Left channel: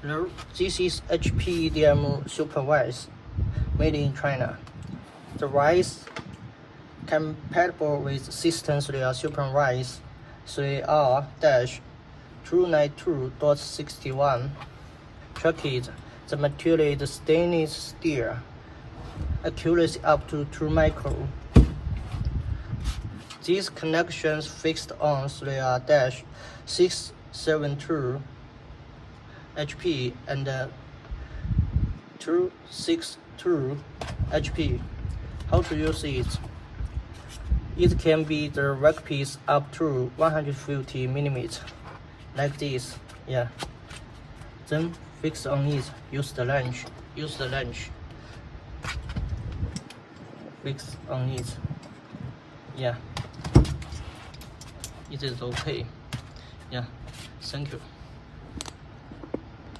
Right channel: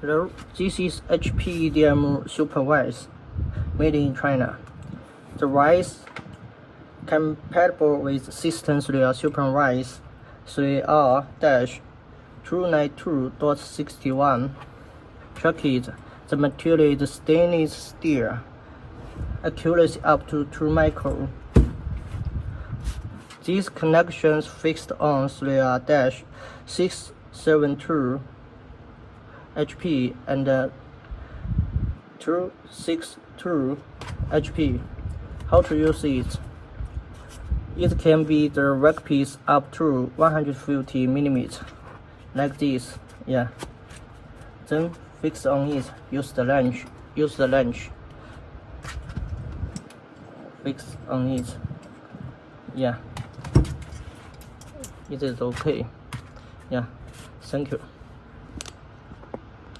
This is HPEDM super vise made in China. The vise compatible with Systems Real Super Vise 3R-292.61. Tracked. The material is stainless steel. Accuracy up to 2 micron. These connections fixed on 3R-672 HP and 262 HP. How to use it? It can be the workpiece up to 150 mm, like this. Yeah. Then fix on it. Use the wrench. Fix on it. Yeah. It is okay. Yeah. Thank you.